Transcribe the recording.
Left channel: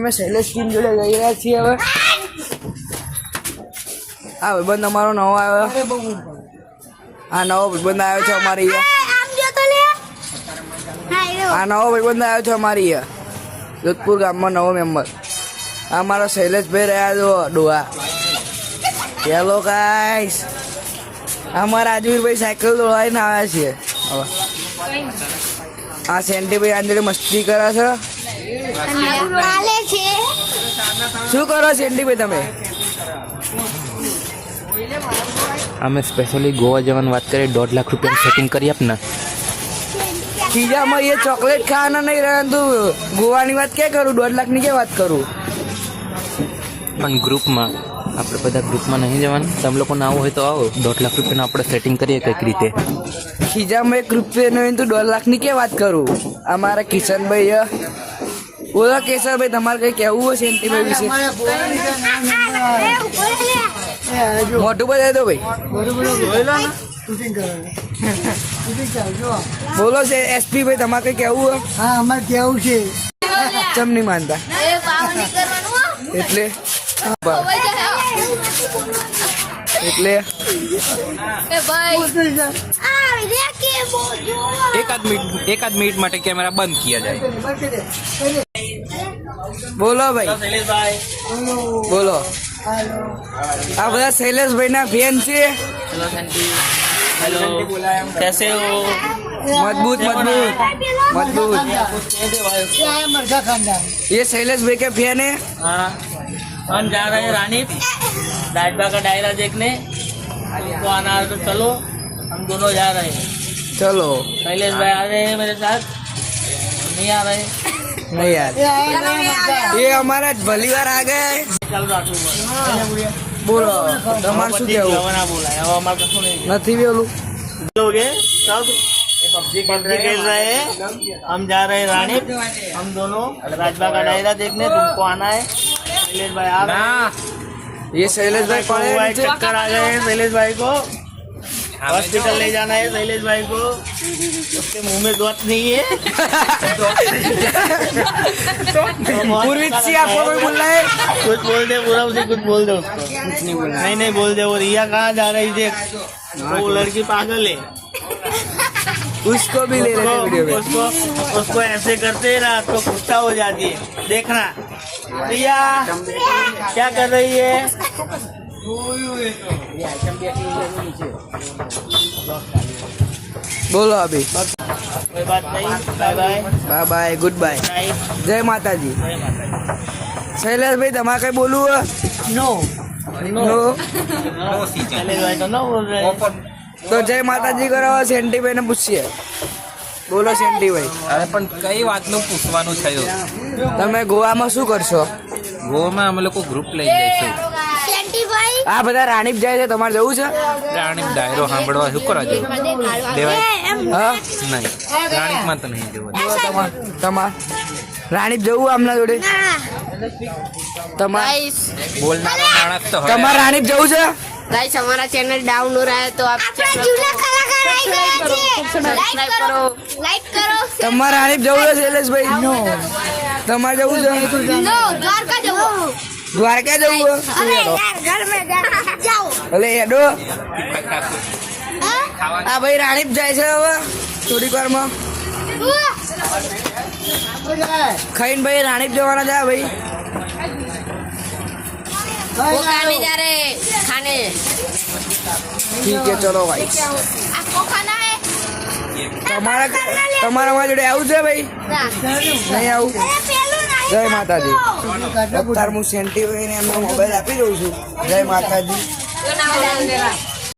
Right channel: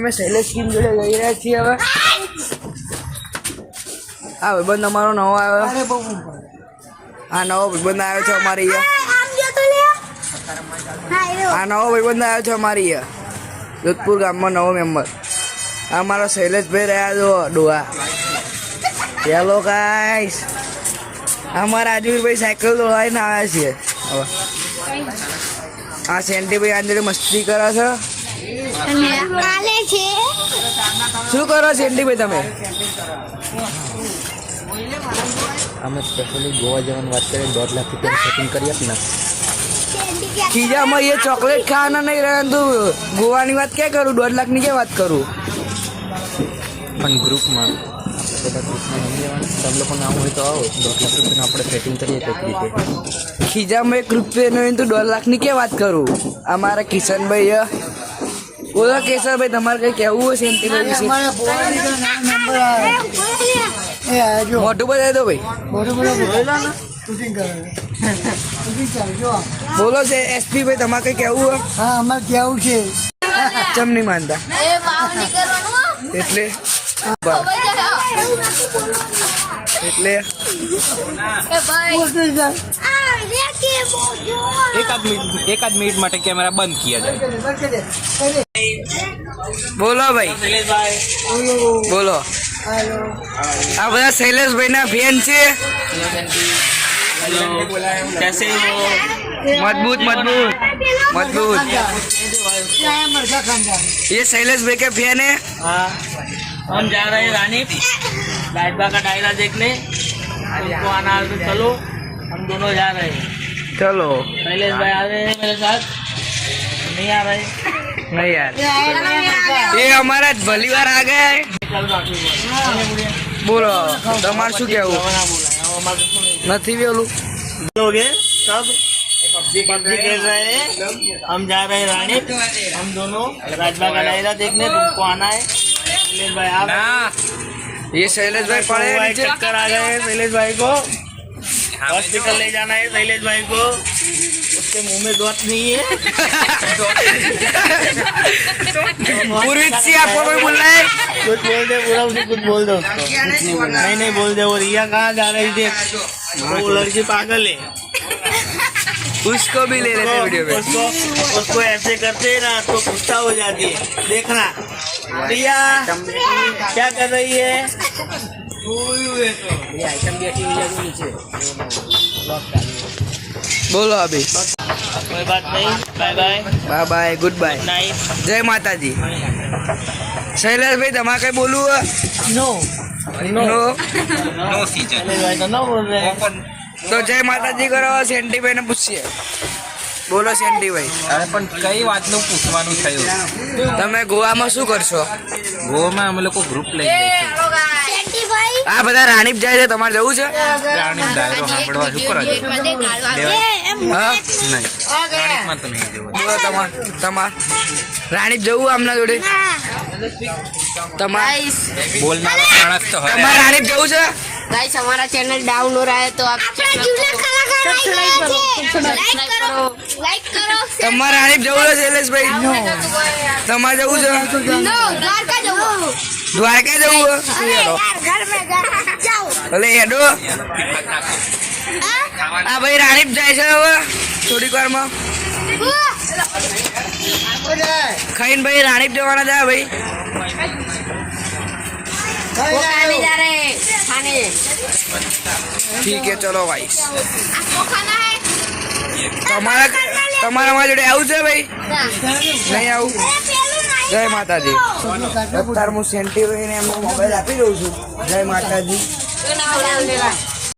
અમે શૈલેષ ટીમ જોડે જઈ રહ્યા છીએ હવે. આ ભાઈબંધ અમારો નવો આવ્યો. આ નવો ભાઈબંધ આવ્યો છે અમારી આ નવો ભાઈબંધ આવ્યો છે અમારી જોધપુર ગામમાં નવો મેમ્બર. આ અમારા શૈલેષભાઈ રહ્યા છો ડોહા. હેલો ગાઈસ, અમારા રાજવીરભાઈ સાયકલ દોડાવીને આવ્યા છીએ. હવે આ સેન્ટીભાઈ આંજળી મસ્તી કરે છે. શું કરો સેન્ટીભાઈ તમે? અમે સ્પેશિયલી ગોવા જવાની વાત કરીએ, 1.5 લાખ રૂપિયાનું સેટિંગ કરી આપને. ખીજામાં એ ચોકલેટ ખાવાના નહીં રહે તું. ગોવાની વાત ક્યાં કરું, 1.5 લાખની ક્યાં વાત કરું? પણ ગ્રુપમાં આપણે બધા ગ્રુપમાં નહીં જવાનું. તમે લોકો ના હોય તો આવો, 1.5 લાખ રૂપિયાનું આપણે સેટિંગ કરીએ કંઈક રીતે. ખીજામાં 1 રૂપિયાનો હોય તો 1.5 લાખની ક્યાં વાત કરું? અમારા કિશનભાઈ બોલો. કેશવભાઈ તમારે કઈ કહેવું હોય સેન્ટીભાઈ વિશે? મોટું બજાવી દો ભાઈ. બોલો છે એસપી ભાઈ, તમારે કઈ કહેવું હોય? હા, અમારે કેવું છે. ચમ નહીં માનતા એટલે एकाध मिनट માટે કેમેરા બંધ किया जाए. બોલો ભાઈ, બોલો. આ બધા શૈલેષભાઈ ના ફેન છે. कैसे हो? मजबूत मजबूत मजबूत. ये शैलेष भाई के फैन है. हाँ, हम जा रहे हैं रानी डायबा का डायरा देखने. तो आना है तो चलो, हम दोनों जा रहे हैं. चलो. शैलेष भाई आ रहे हैं मेरे साथ, नहीं आ रहे? नहीं यार, ये हमारा भली बार आ गया है. बोलो તમારે શું કહેવું? નથી બોલું. पबजी खेल रहे हैं. हम जा रहे हैं रानी, हम दोनों राजबा का डायरा देखने. तुमको आना है. शैलेष भाई आ रहे हैं. ये शैलेष भाई पड़े नीचे. चक्कर आ गए हैं शैलेष भाई को. हॉस्पिटल ले जाना है शैलेष भाई को. उसके मुंह में गोत नहीं है. पूर्वी से आपको कोई बोल रहा है? कुछ बोल दे, पूरा उसे कुछ बोल दो उसको. नहीं बोल दे. वो रिया कहाँ जा रही थी? वो लड़की पागल है. उसको भी ले लेते वीडियो में. उसको ऐसे करते ना तो गुस्सा हो जाती है. देखना रिया क्या कर रही है. बोलो अभी. कोई बात नहीं. Bye bye. Bye bye, good bye, night. जय माता जी. शैलेष भाई તમારે કઈ બોલવું હોય? No no. शैलेष भाई तो नो बोल रहे हैं. તો જય માતાજી કરો. સેન્ટીભાઈ ને પૂછીએ. બોલો સેન્ટીભાઈ, અરે પણ કઈ વાતનું પૂછવાનું થયું? તમે ગોવામાં શું કરશો? ગોવામાં અમે લોકો ગ્રુપ લઈ જઈશું. આ બધા રાણીપ જાય છે, તમારે જવું છે? રાણીપ ડાયરો સાંભળવા શું કરવા જવું? હા, નહીં, રાણીપમાં તો નહીં જવું. બોલો તમાર રાણીપ જવું આમના જોડે? બોલનારા માણસ તો હોય. તમારે રાણીપ જવું છે? गाइस हमारा चैनल डाउन हो रहा है तो आप चैनल को सब्सक्राइब करो, लाइक करो. તમારે રાણીપ જવું છે શૈલેષભાઈ? તમારે જવું છે? नो द्वारका जाओ. દ્વારકા જવું છે? घर में जाओ. ભલે હેડો. આ ભાઈ રાણીપ જાય છે હવે થોડીક વારમાં. ખાઈને ભાઈ રાણીપ જવાના છે ભાઈ. वो खाने जा रहे हैं खाने. ठीक है चलो भाई. आपको खाना है? તમારા મારા જોડે આવું છે ભાઈ? નહીં આવું. જય માતાજી. અત્યારે હું સેન્ટીભાઈને એમનો મોબાઈલ આપી દઉં છું. જય માતાજી.